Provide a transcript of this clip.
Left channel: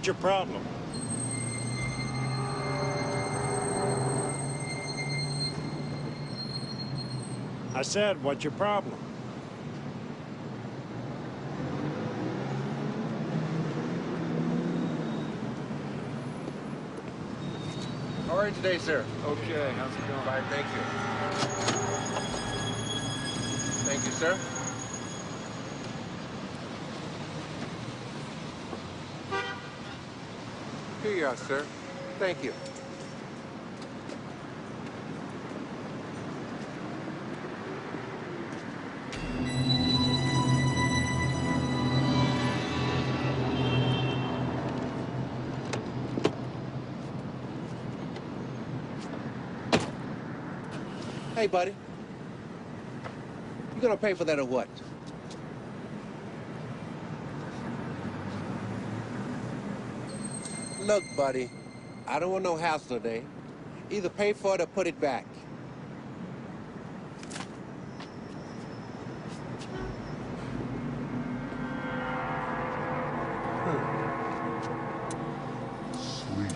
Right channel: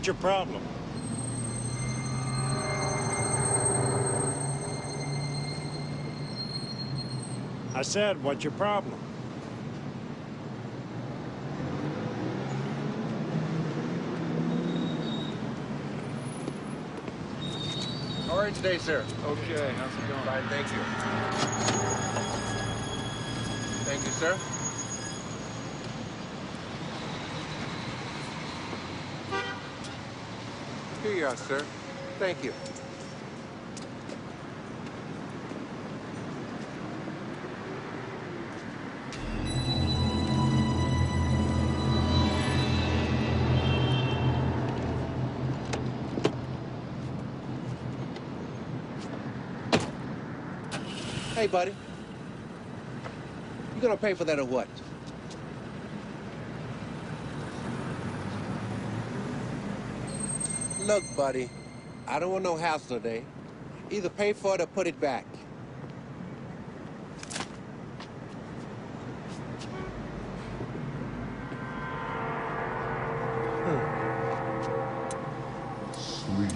What's your problem? I said, what's your problem? How are you today, sir? Okay, how's it going? Fine, thank you. Thank you, sir. Here you are, sir. Thank you. Hey, buddy. You gonna pay for that or what? Look, buddy, I don't want no hassle today. Either pay for it or put it back. Sleep.